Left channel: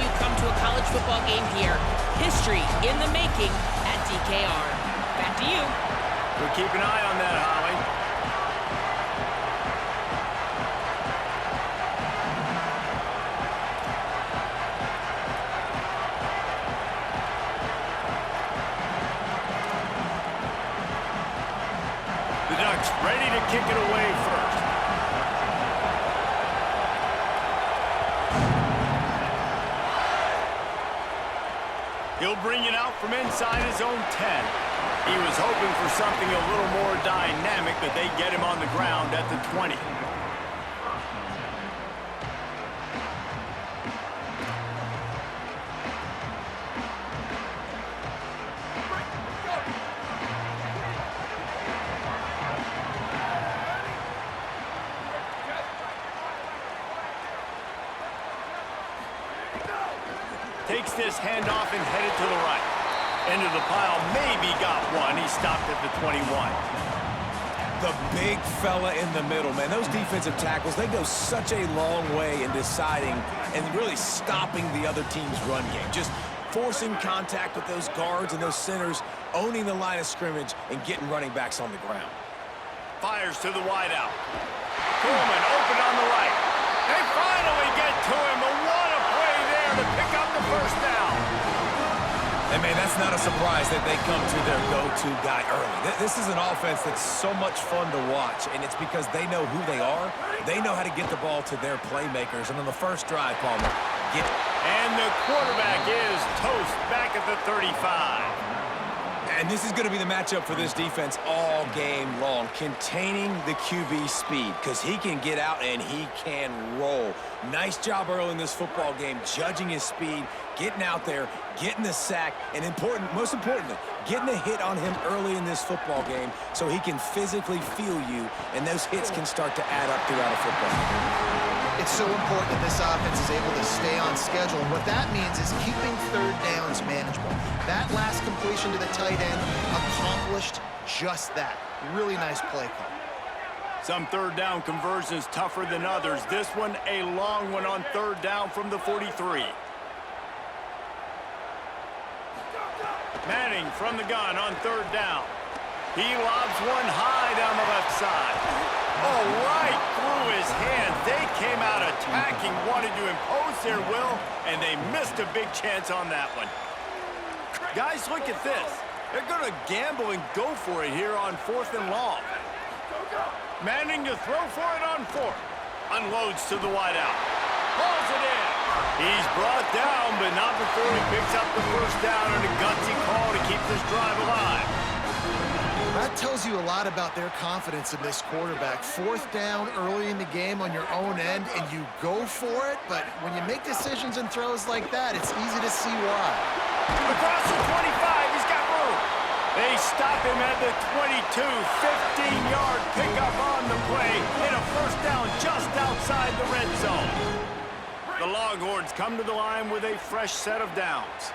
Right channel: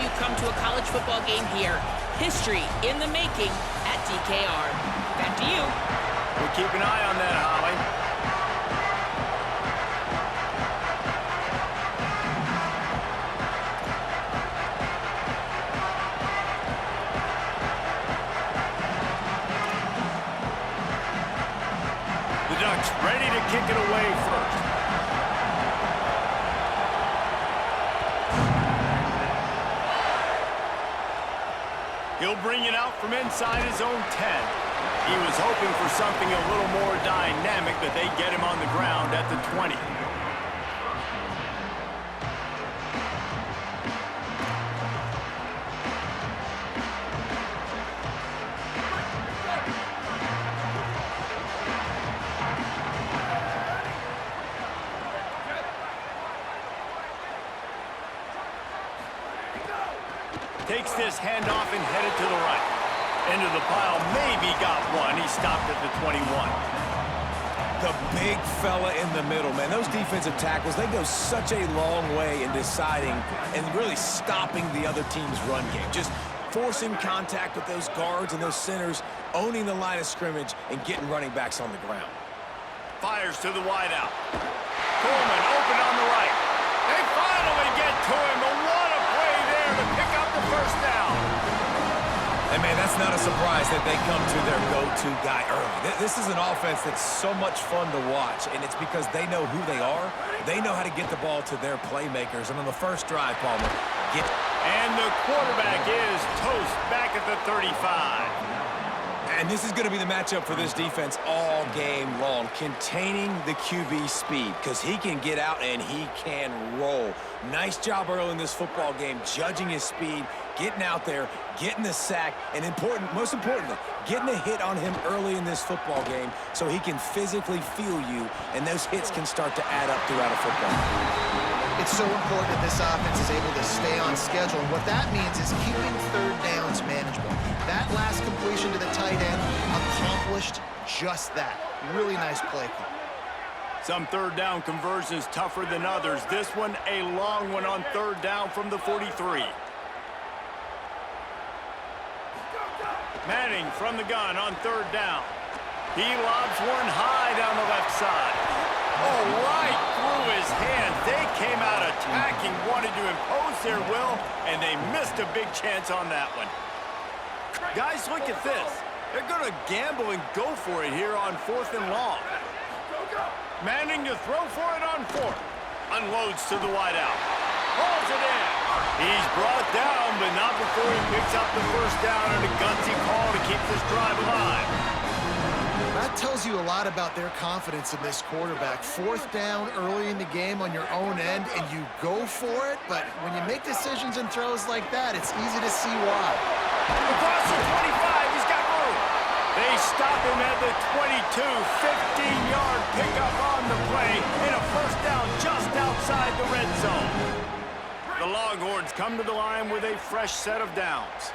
time you come to a college football game here. History in the making at DKR. Back to you. We'll keep an eye on that, Holly. The Ducks ready to kick it away first. He'll bring it out from inside his own 10. He was hoping for something a little more dynamic, but they get him on the ground at the 20. Takes this handoff and headed to the right. Into the pile, maybe got one. He stopped at the 21. The big fella in the middle, man. Those defensive tackles, they go such a long way in deciding and really stopping the other team's run game. Just forcing contact with those guards and those centers, owning the line of scrimmage, and getting running backs on the ground. Fires to the wideout. Coleman open on the right. They finally get to him, but what a play there to pick up the first down. And, man, that's not a surprise that they come to their go-to guy early. This is an offense that's so much fun to watch, and it's because they know who they are. They know how to get the ball to their playmakers. And on the first drive, Palmer, And the quarterback is toast back at the 35. And this is going to be the matchup for this defense all game long, containing the QB speed, because he can get out and he can roll. Nice job early in this football game, judging his speed, getting out there, getting the sack, and most importantly, getting a hit on him early in this football game so he can physically feel you, and those hits can start to add up throughout a football game. It's so important that this offense is able to stay on schedule, and what that means is keeping third downs manageable. That last completion to the tight end accomplished just that. Really nice play call. Some third down conversions tougher than others. This one a long one on third down from the 43. Manning from the gun on third down. He lobs one high down the left side. Oh, right through his hands. They came out attacking, wanted to impose their will, and they missed a big chance on that one. Guys, look at this. They're going to gamble and go for it here on 4th and long. Manning to throw for it on 4th. Unloads to the wideout. Hauls it in. He's brought down, but not before he picks up the first down and a gutsy call to keep this drive alive. That tells you a lot about their confidence in this quarterback. 4th down early in the game on your own end, and you go for it, but when you make decisions and throws like that, it's easy to see why. Across the 25, he's got room. They stop him at the 22, 15-yard pickup on the play, and a first down just outside the red zone. The Longhorns come to the line with a fresh set of downs.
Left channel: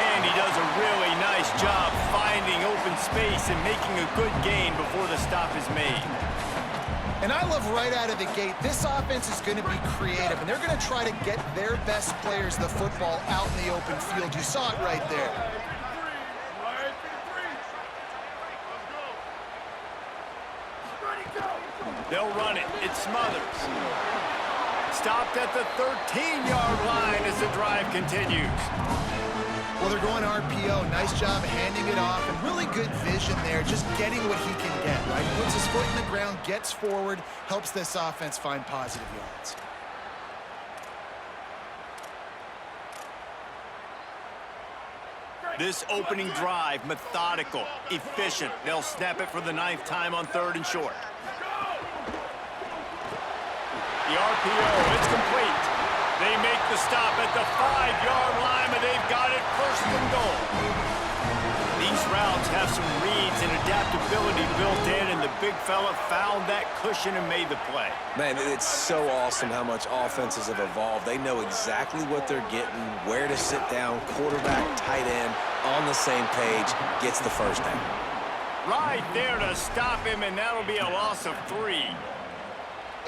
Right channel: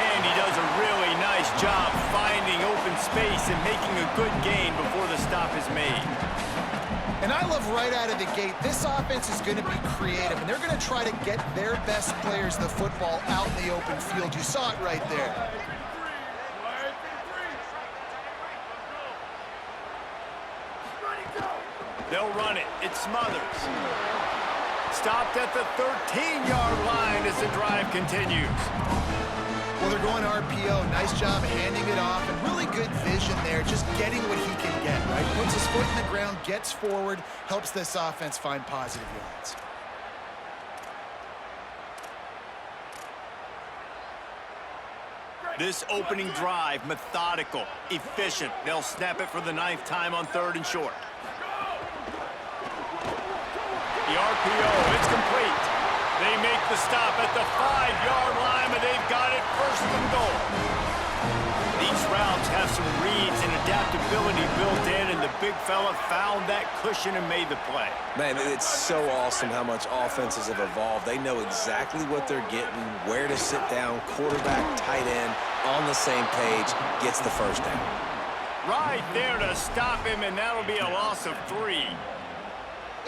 And he does a really nice job finding open space and making a good gain before the stop is made. And I love right out of the gate, this offense is going to be creative, and they're going to try to get their best players the football out in the open field. You saw it right there. They'll run it. It smothers. Stopped at the 13-yard line as the drive continues. Well, they're going RPO. Nice job handing it off, and really good vision there, just getting what he can get, right? Puts his foot in the ground, gets forward, helps this offense find positive yards. This opening drive, methodical, efficient. They'll snap it for the 9th time on 3rd and short. The RPO, it's complete. They make the stop at the 5-yard line, but they've got it 1st and goal. These routes have some reads and adaptability built in, and the big fella found that cushion and made the play. Man, it's so awesome how much offenses have evolved. They know exactly what they're getting, where to sit down, quarterback, tight end, on the same page, gets the first down. Right there to stop him, and that'll be a loss of 3.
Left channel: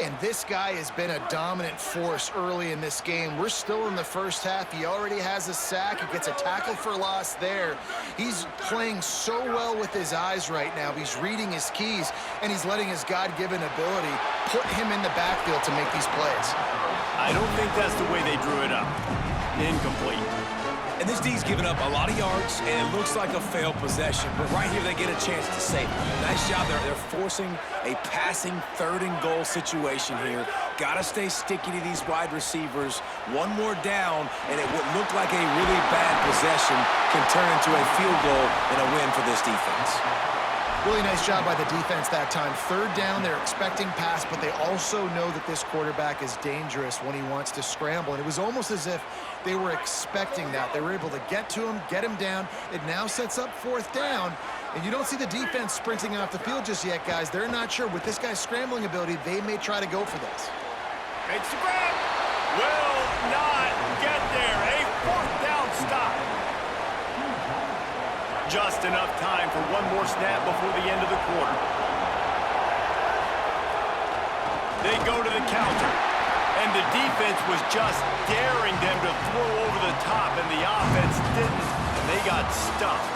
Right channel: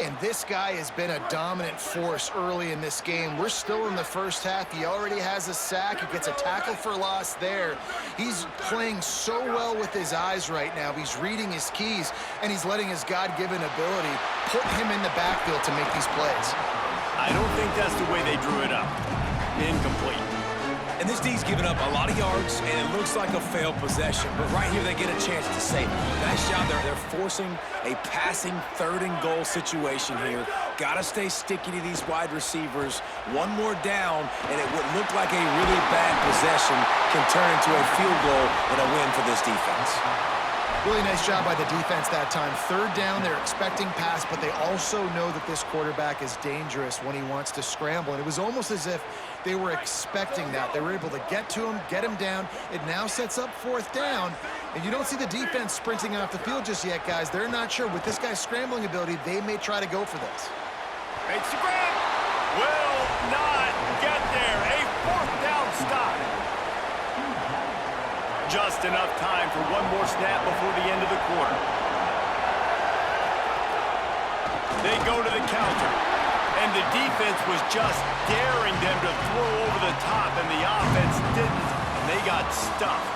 And this guy has been a dominant force early in this game. We're still in the first half. He already has a sack. He gets a tackle for loss there. He's playing so well with his eyes right now. He's reading his keys, and he's letting his God-given ability put him in the backfield to make these plays. I don't think that's the way they drew it up. Incomplete. And this D's given up a lot of yards, and it looks like a failed possession. But right here, they get a chance to save it. Nice job. They're forcing a passing 3rd-and-goal situation here. Got to stay sticky to these wide receivers. One more down, and it would look like a really bad possession can turn into a field goal and a win for this defense. Really nice job by the defense that time. 3rd down, they're expecting pass, but they also know that this quarterback is dangerous when he wants to scramble. And it was almost as if they were expecting that. They were able to get to him, get him down. It now sets up 4th down. And you don't see the defense sprinting off the field just yet, guys. They're not sure. With this guy's scrambling ability, they may try to go for this. Makes the grab. Will not get there. A 4th down stop. Just enough time for one more snap before the end of the quarter. They go to the counter, and the defense was just daring them to throw over the top, and the offense didn't, and they got stuffed.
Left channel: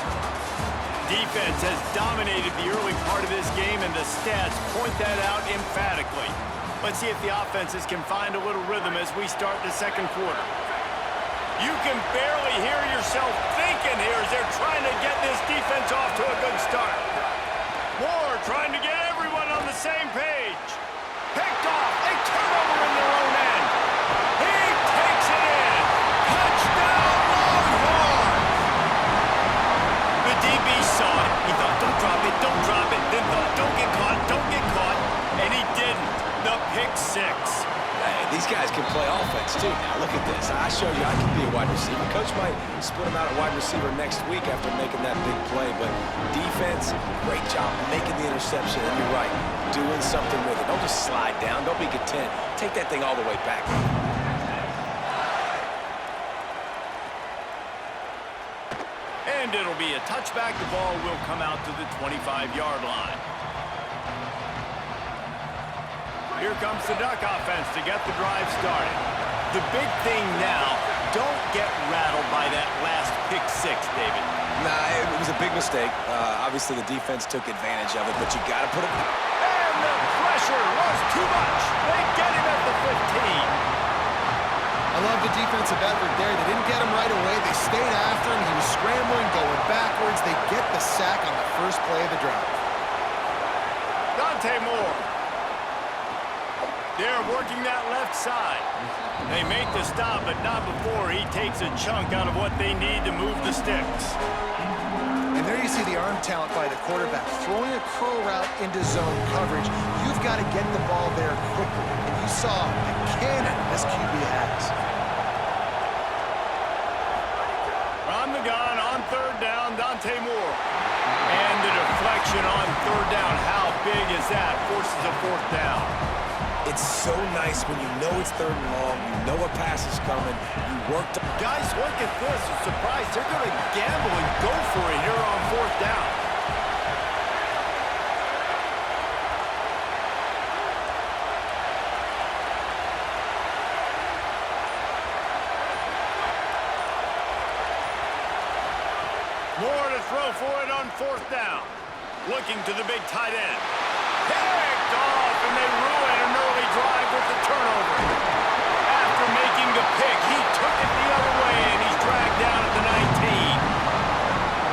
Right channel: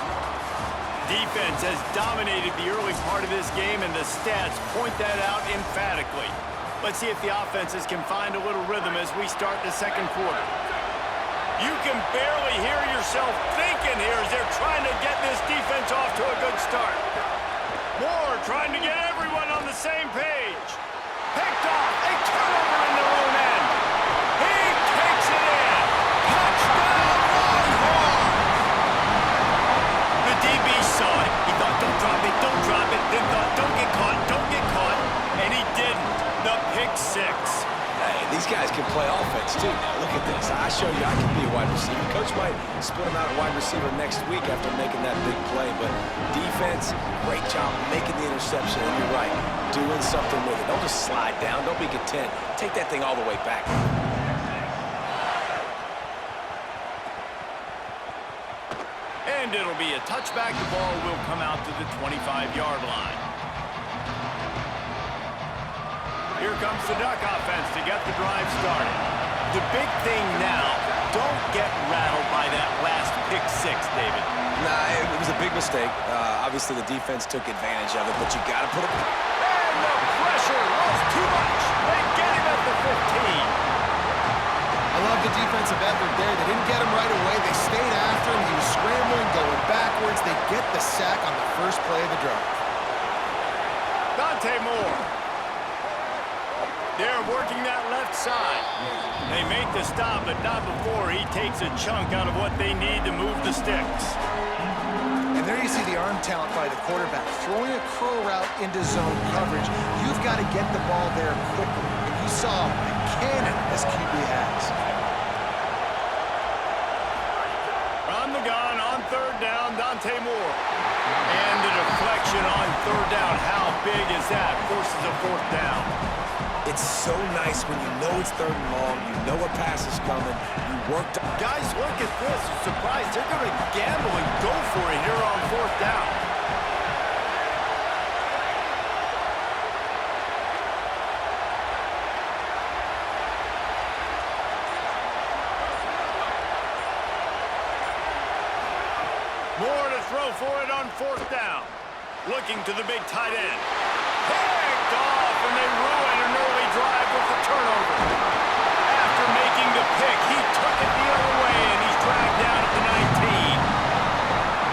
Defense has dominated the early part of this game, and the stats point that out emphatically. Let's see if the offenses can find a little rhythm as we start the 2nd quarter. You can barely hear yourself thinking here as they're trying to get this defense off to a good start. Moore trying to get everyone on the same page. Picked off. A turnover in their own end. He takes it in. Touchdown, Longhorns! The DB saw it. He thought, don't drop it, don't drop it. Then thought, don't get caught. And he didn't. The pick 6. Hey, these guys can play offense, too. Now, look at this. I show you I can be a wide receiver. Coach might split him out at wide receiver next week after making that big play. But defense, great job making the interception. And you're right, doing something with it. Don't just slide down. Don't be content. Take that thing all the way back. And it'll be a touchback. The ball will come out to the 25-yard line. Here comes the Duck offense to get the drive started. The big thing now, don't get rattled by that last pick 6, David. Nah, it was a big mistake. Obviously, the defense took advantage of it, but you got to put it. And the pressure was too much. They get him at the 15. I love the defensive effort there. They didn't get him right away. They stayed after him. He was scrambling, going backwards. They get the sack on the first play of the drive. Dante Moore. They're working that left side. They make the stop, but not before he takes a chunk out of what they need to move the sticks. And there you see the arm talent by the quarterback. Throwing a curl route into zone coverage, you've got to get the ball there quickly. And you saw the cannon this QB has. From the gun on 3rd down, Dante Moore. And the deflection on 3rd down. How big is that? Forces a 4th down. It's so nice when you know it's 3rd and long, you know a pass is coming, you worked. Guys, look at this. I'm surprised. They're going to gamble and go for it here on 4th down. Moore to throw for it on 4th down. Looking to the big tight end. Picked off, and they ruin an early drive with the turnover. After making the pick, he took it the other way, and he's dragged down at the 19.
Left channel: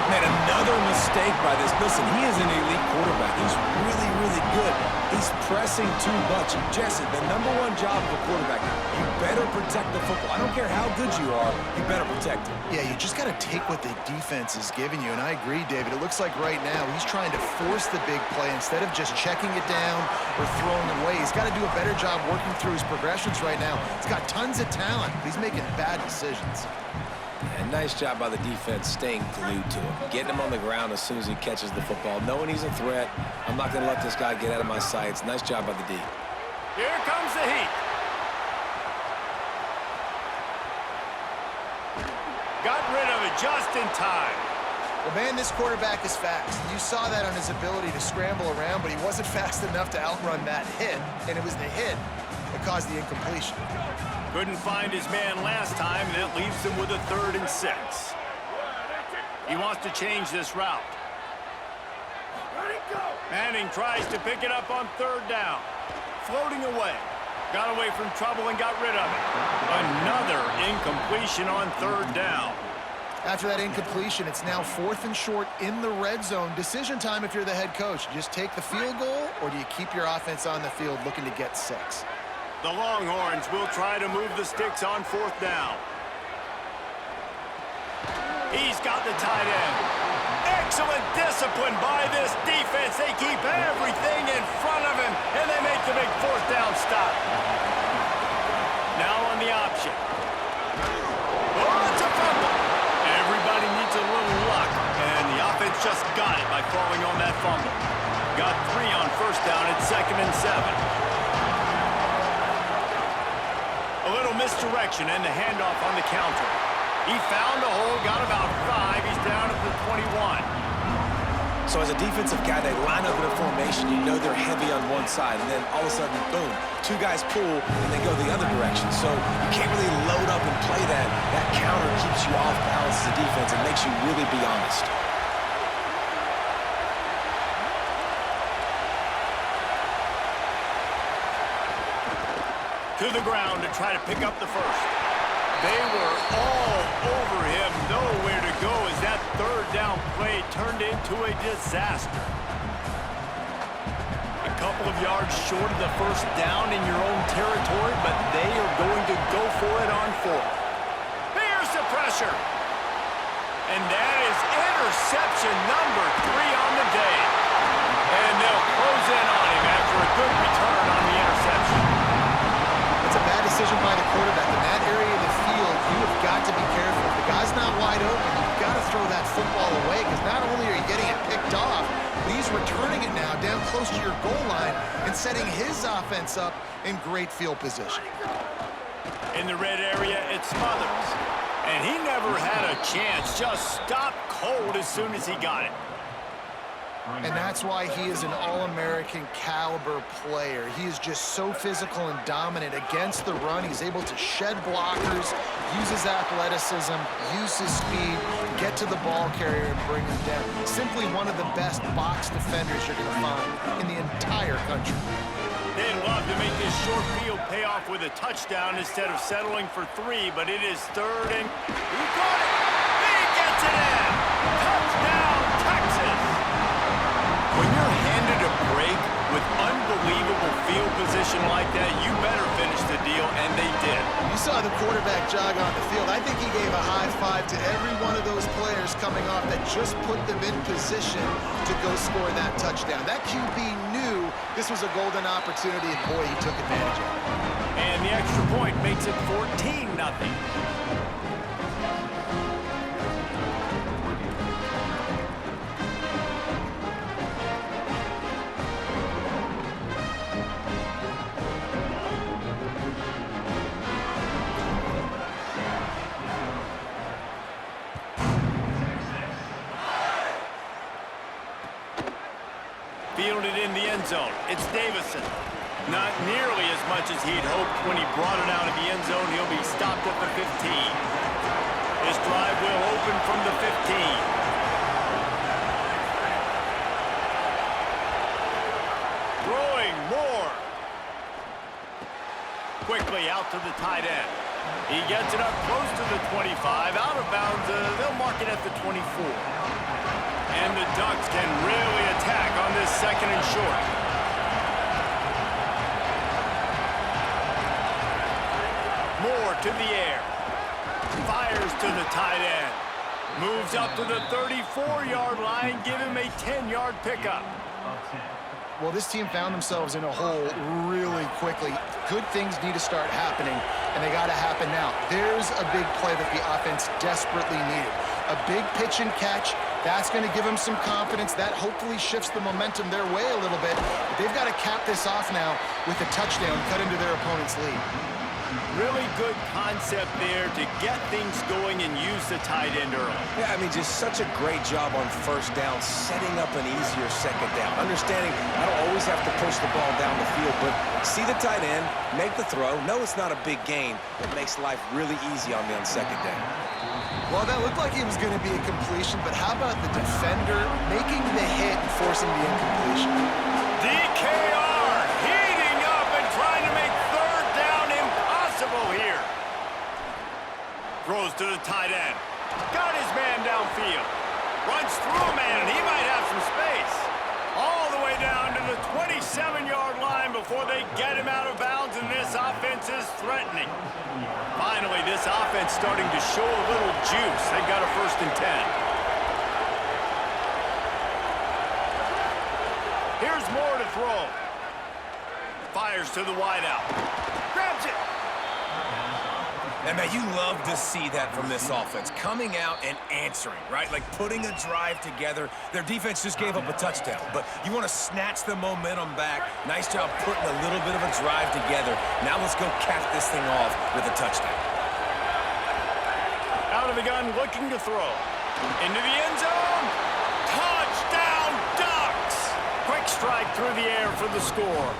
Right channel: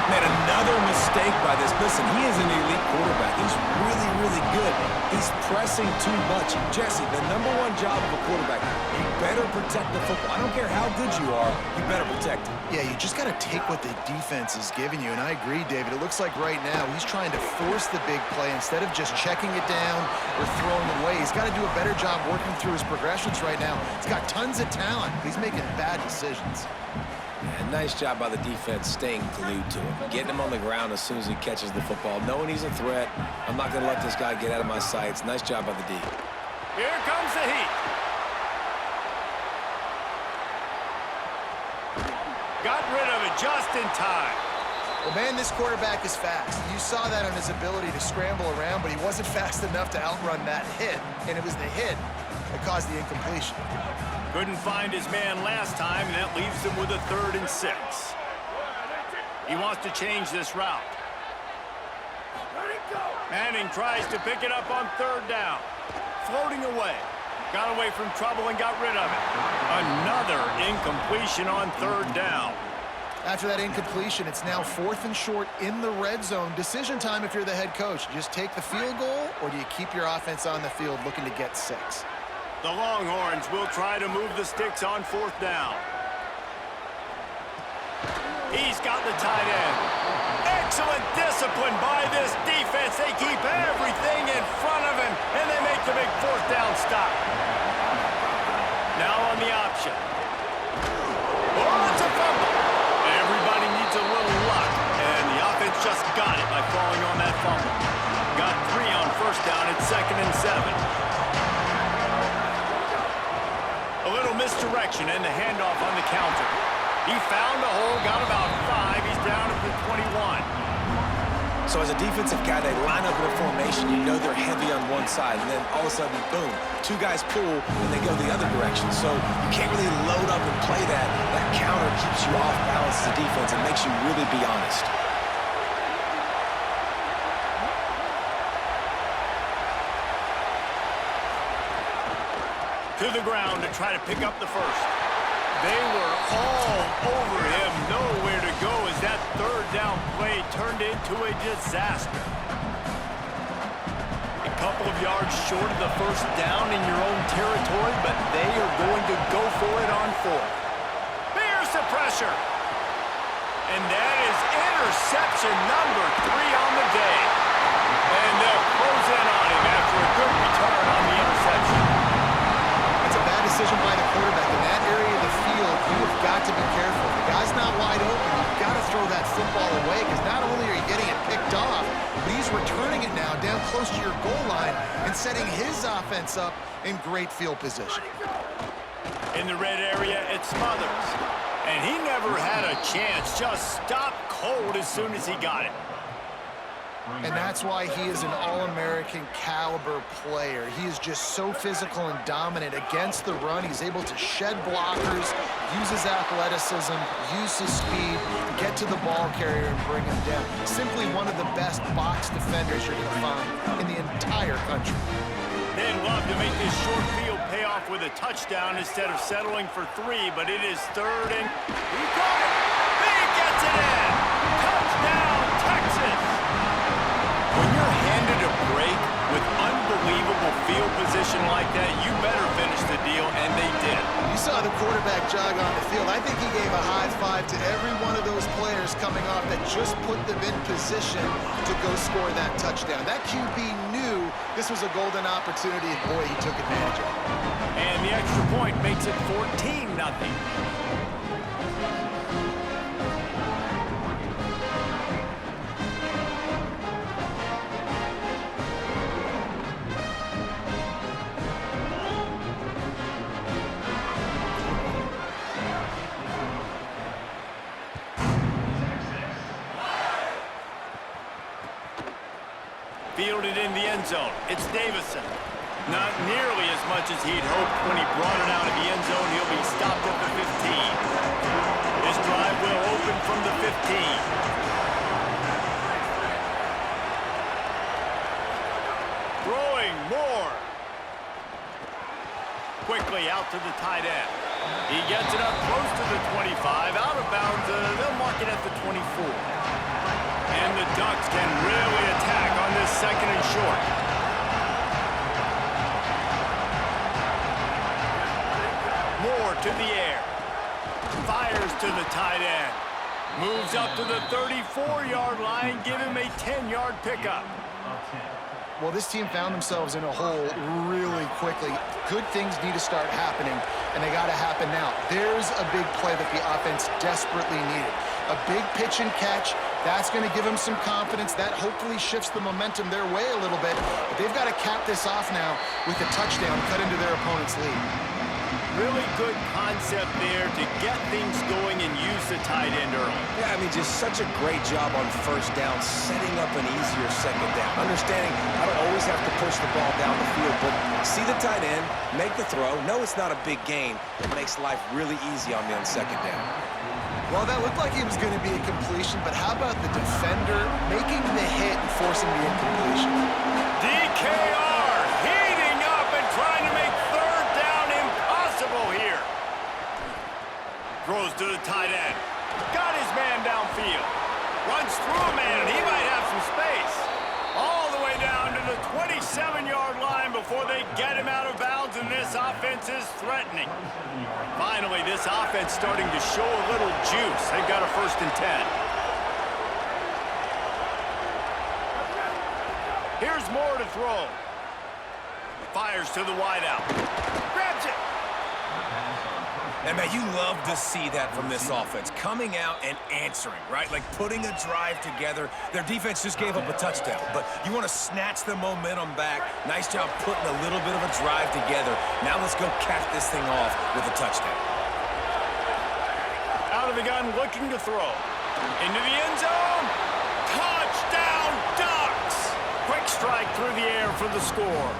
Man, another mistake by this. Listen, he is an elite quarterback. He's really, really good. He's pressing too much. Jesse, the #1 job of a quarterback, you better protect the football. I don't care how good you are, you better protect it. Yeah, you just got to take what the defense is giving you, and I agree, David. It looks like right now he's trying to force the big play instead of just checking it down or throwing it away. He's got to do a better job working through his progressions right now. He's got tons of talent, but he's making bad decisions. And nice job by the defense staying glued to him, getting him on the ground as soon as he catches the football, knowing he's a threat. I'm not going to let this guy get out of my sights. Nice job by the D. Here comes the heat. Got rid of it just in time. Well, man, this quarterback is fast. You saw that on his ability to scramble around, but he wasn't fast enough to outrun that hit, and it was the hit that caused the incompletion. Couldn't find his man last time, and that leaves him with a 3rd and 6. He wants to change this route. Manning tries to pick it up on 3rd down. Floating away. Got away from trouble and got rid of it. Another incompletion on 3rd down. After that incompletion, it's now 4th and short in the red zone. Decision time if you're the head coach. Just take the field goal, or do you keep your offense on the field looking to get 6? The Longhorns will try to move the sticks on 4th down. He's got the tight end. Excellent discipline by this defense. They keep everything in front of him, and they make the big 4th down stop. Now on the option. Oh, it's a fumble. Everybody needs a little luck, and the offense just got it by falling on that fumble. Got 3 on 1st down at 2nd and 7. A little misdirection and the handoff on the counter. He found a hole, got about 5. He's down at the 21. So as a defensive guy, they line up in a formation. You know they're heavy on one side, and then all of a sudden, boom, 2 guys pull, and they go the other direction. So you can't really load up and play that. That counter keeps you off balance as a defense and makes you really be honest. To the ground to try to pick up the 1st. They were all over him, nowhere to go as that 3rd down play turned into a disaster. A couple of yards short of the 1st down in your own territory, but they are going to go for it on 4th. Here's the pressure. And that is interception number 3 on the day. And they'll close in on him after a good return on the interception. It's a bad decision by the quarterback. In that area of the field, you have got to be careful. If the guy's not wide open, you've got to throw that football away, because not only are you getting it picked off, but he's returning it now down close to your goal line and setting his offense up in great field position. In the red area, it's Smothers. And he never had a chance. Just stopped cold as soon as he got it. And that's why he is an All-American caliber player. He is just so physical and dominant against the run. He's able to shed blockers, use his athleticism, use his speed, get to the ball carrier and bring him down. Simply one of the best box defenders you're going to find in the entire country. They'd love to make this short field pay off with a touchdown instead of settling for 3, but it is 3rd and he got it. He gets it in. Touchdown, Texas. When you're handed a break with unbelievable field position like that, you better finish the deal, and they did. You saw the quarterback jog on the field. I think he gave a high five to every one of those players coming off that just put them in position to go score that touchdown. That QB knew this was a golden opportunity, and boy, he took advantage of it. And the extra point makes it 14-0. Fielded in the end zone. It's Davison. Not nearly as much as he'd hoped when he brought it out of the end zone. He'll be stopped at the 15. His drive will open from the 15. Throwing more. Quickly out to the tight end. He gets it up close to the 25. Out of bounds, they'll mark it at the 24. And the Ducks can really attack on this 2nd and short. Moore to the air. Fires to the tight end. Moves up to the 34-yard line. Give him a 10-yard pickup. Well, this team found themselves in a hole really quickly. Good things need to start happening, and they got to happen now. There's a big play that the offense desperately needed. A big pitch and catch. That's going to give them some confidence. That hopefully shifts the momentum their way a little bit. But they've got to cap this off now with a touchdown, cut into their opponent's lead. Really good concept there to get things going and use the tight end early. Yeah, I mean, just such a great job on first down, setting up an easier second down. Understanding I don't always have to push the ball down the field, but see the tight end, make the throw. No, it's not a big gain. It makes life really easy on me on second down. Well, that looked like it was going to be a completion, but how about the defender making the hit and forcing the incompletion? DKR heating up and trying to make third down impossible here. Throws to the tight end. Got his man downfield. Runs through a man, and he might have some space. All the way down to the 27-yard line before they get him out of bounds, and this offense is threatening. Finally, this offense starting to show a little juice. They've got a 1st and 10. Here's Moore to throw. Fires to the wideout. Grabs it. And, man, you love to see that from this offense. Coming out and answering, right? Like putting a drive together. Their defense just gave up a touchdown, but you want to snatch the momentum back. Nice job putting a little bit of a drive together. Now let's go cap this thing off with a touchdown. Out of the gun, looking to throw. Into the end zone. Touchdown, Ducks! Quick strike through the air for the score.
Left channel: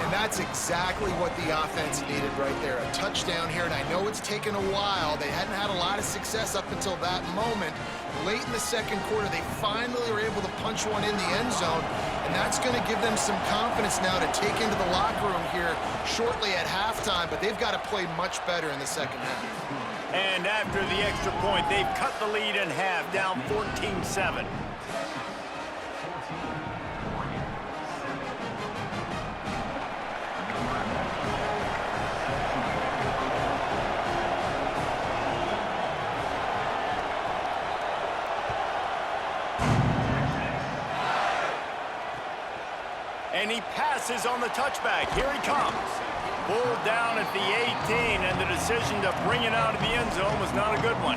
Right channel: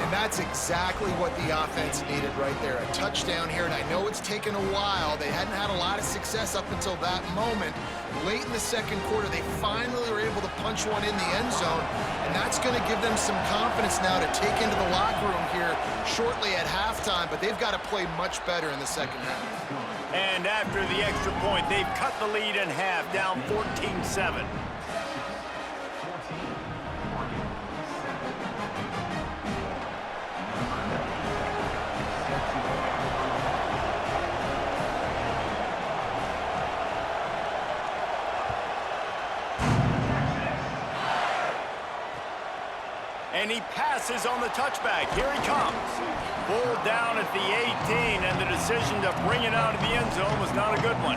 And that's exactly what the offense needed right there. A touchdown here, and I know it's taken a while. They hadn't had a lot of success up until that moment. Late in the second quarter, they finally were able to punch one in the end zone, and that's going to give them some confidence now to take into the locker room here shortly at halftime, but they've got to play much better in the second half. And after the extra point, they've cut the lead in half, down 14-7. And he passes on the touchback. Here he comes. Pulled down at the 18, and the decision to bring it out of the end zone was not a good one.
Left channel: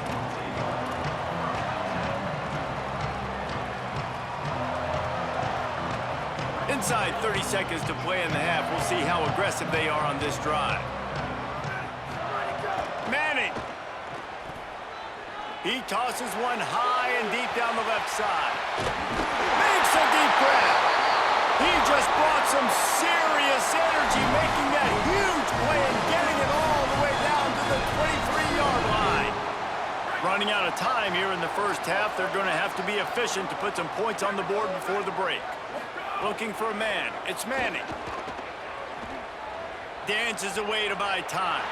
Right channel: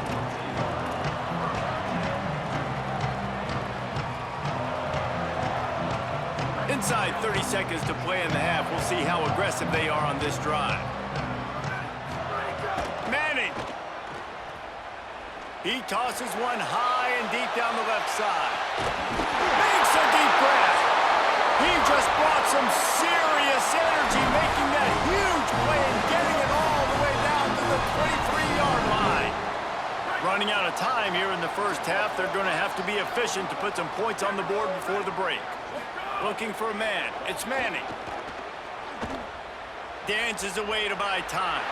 Inside 30 seconds to play in the half. We'll see how aggressive they are on this drive. Manning. He tosses one high and deep down the left side. Makes a deep grab. He just brought some serious energy, making that huge play and getting it all the way down to the 23-yard line. Running out of time here in the first half, they're going to have to be efficient to put some points on the board before the break. Looking for a man. It's Manning. Dances away to buy time.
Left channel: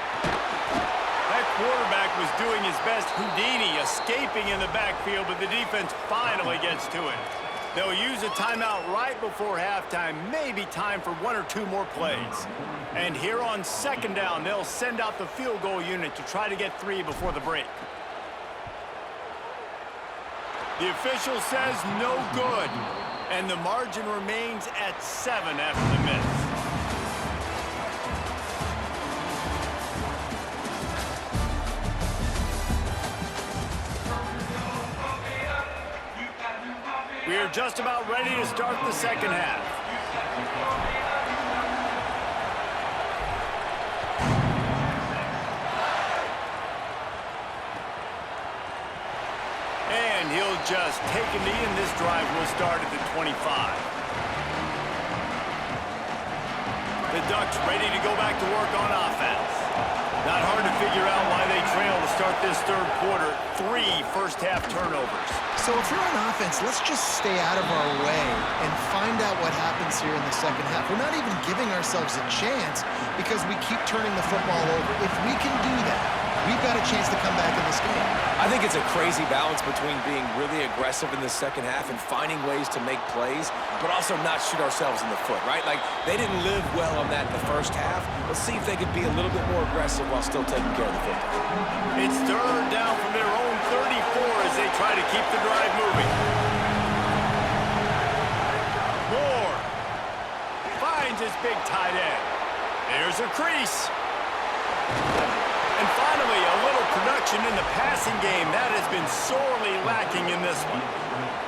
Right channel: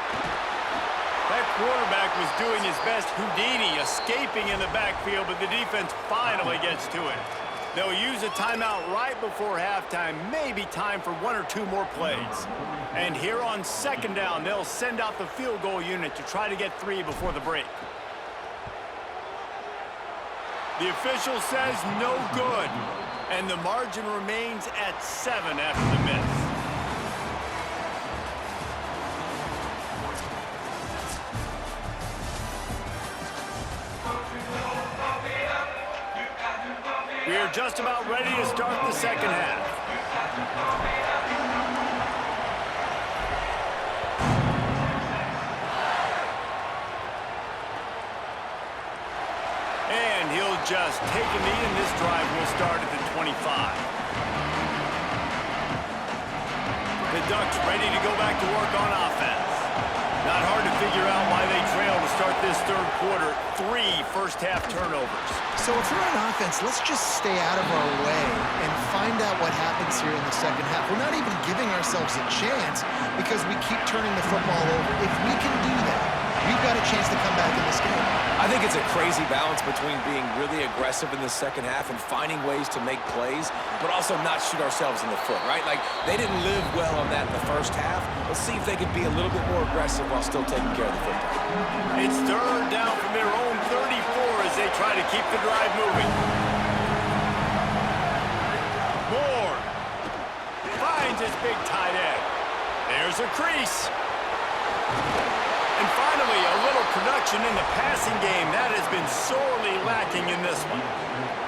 That quarterback was doing his best Houdini, escaping in the backfield, but the defense finally gets to it. They'll use a timeout right before halftime, maybe time for one or two more plays. And here on second down, they'll send out the field goal unit to try to get 3 before the break. The official says no good, and the margin remains at 7 after the miss. We are just about ready to start the second half. And he'll just take a knee, and this drive will start at the 25. The Ducks ready to go back to work on offense. Not hard to figure out why they trail to start this third quarter. 3 first-half turnovers. So if you're on offense, let's just stay out of our way and find out what happens here in the second half. We're not even giving ourselves a chance because we keep turning the football over. If we can do that, we've got a chance to come back in this game. I think it's a crazy balance between being really aggressive in the second half and finding ways to make plays, but also not shoot ourselves in the foot, right? Like, they didn't live well on that in the first half. Let's see if they could be a little bit more aggressive while still taking care of the football. It's third down from their own 34 as they try to keep the drive moving. Moore finds his big tight end. There's a crease. And finally, a little production in the passing game. That has been sorely lacking in this one.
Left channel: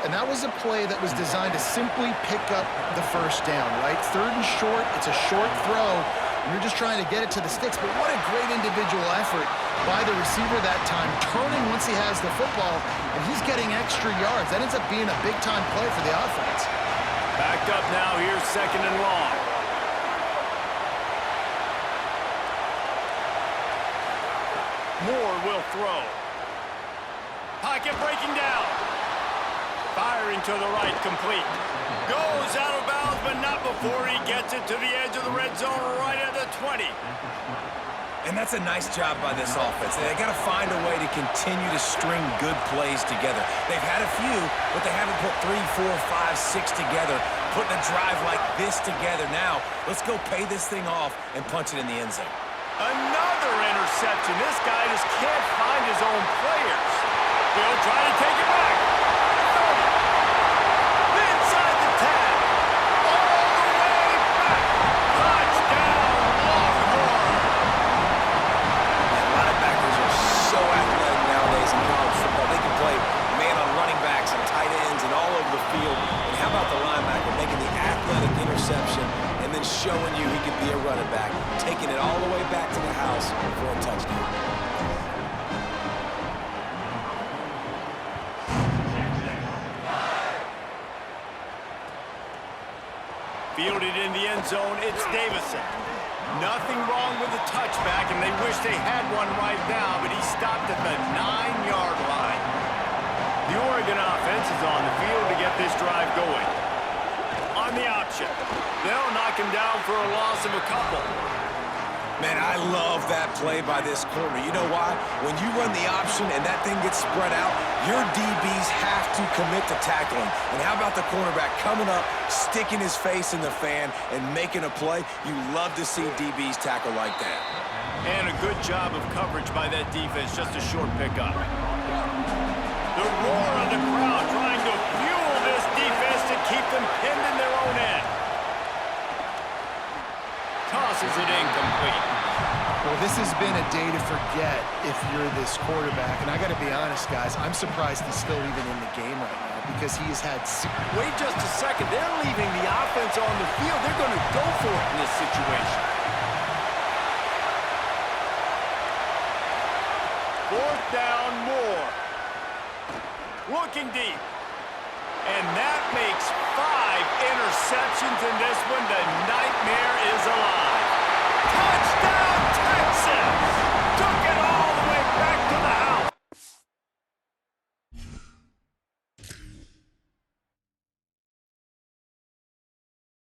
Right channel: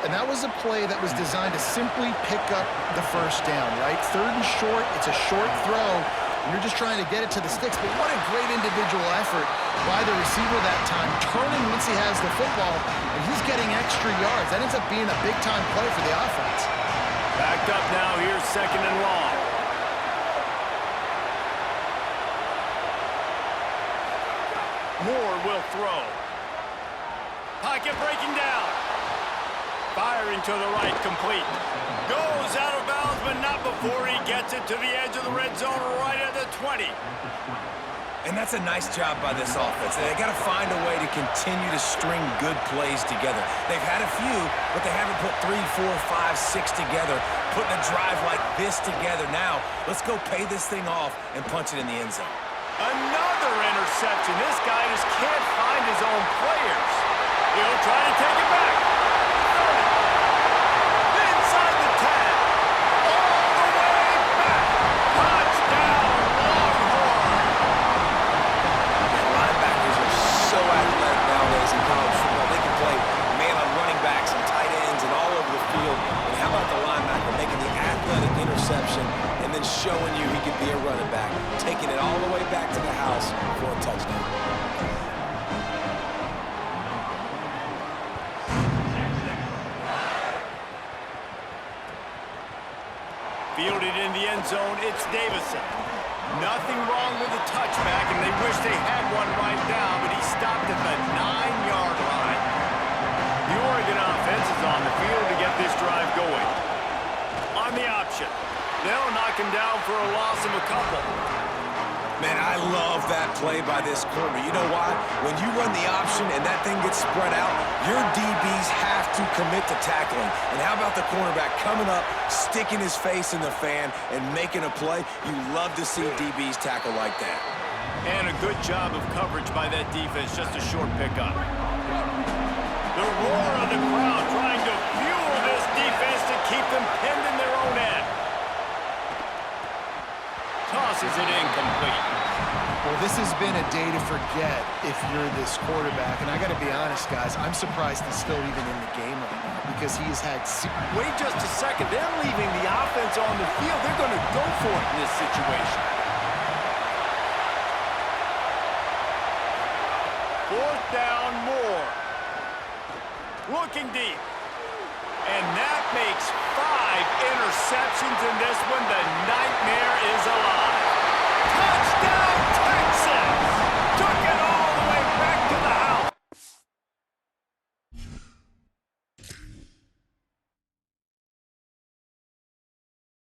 And that was a play that was designed to simply pick up the first down, right? Third and short, it's a short throw. and you're just trying to get it to the sticks. But what a great individual effort by the receiver that time, turning once he has the football, and he's getting extra yards. That ends up being a big-time play for the offense. Backed up now, here's 2nd and long. Moore will throw. Pocket breaking down. Firing to the right, complete. Goes out of bounds, but not before he gets it to the edge of the red zone right at the 20. And that's a nice job by this offense. They got to find a way to continue to string good plays together. They've had a few, but they haven't put 3, 4, 5, 6 together, putting a drive like this together. Now, let's go pay this thing off and punch it in the end zone. Another interception. This guy just can't find his own players. He'll try to take it back. 30. Inside the 10. All the way back. Touchdown, Longhorn. And linebackers are so athletic nowadays in college football. They can play man on running backs and tight ends and all over the field. And how about the linebacker making the athletic interception and then showing you he could be a running back, taking it all the way back to the house for a touchdown. Fielded in the end zone, it's Davison. Nothing wrong with the touchback, and they wish they had one right now, but he stopped at the 9-yard line. The Oregon offense is on the field to get this drive going. On the option, they'll knock him down for a loss of a couple. Man, I love that play by this corner. You know why? When you run the option and that thing gets spread out, your DBs have to commit to tackling. And how about the cornerback coming up, sticking his face in the fan, and making a play? You love to see DBs tackle like that. And a good job of coverage by that defense, just a short pickup. The roar of the crowd trying to fuel this defense to keep them pinned in their own end. Tosses it incomplete. Well, this has been a day to forget if you're this quarterback. And I got to be honest, guys, I'm surprised he's still even in the game right now because he has had... Wait just a second. They're leaving the offense on the field. They're going to go for it in this situation. 4th down, Moore. Looking deep. And that makes 5 interceptions in this one. The nightmare is alive.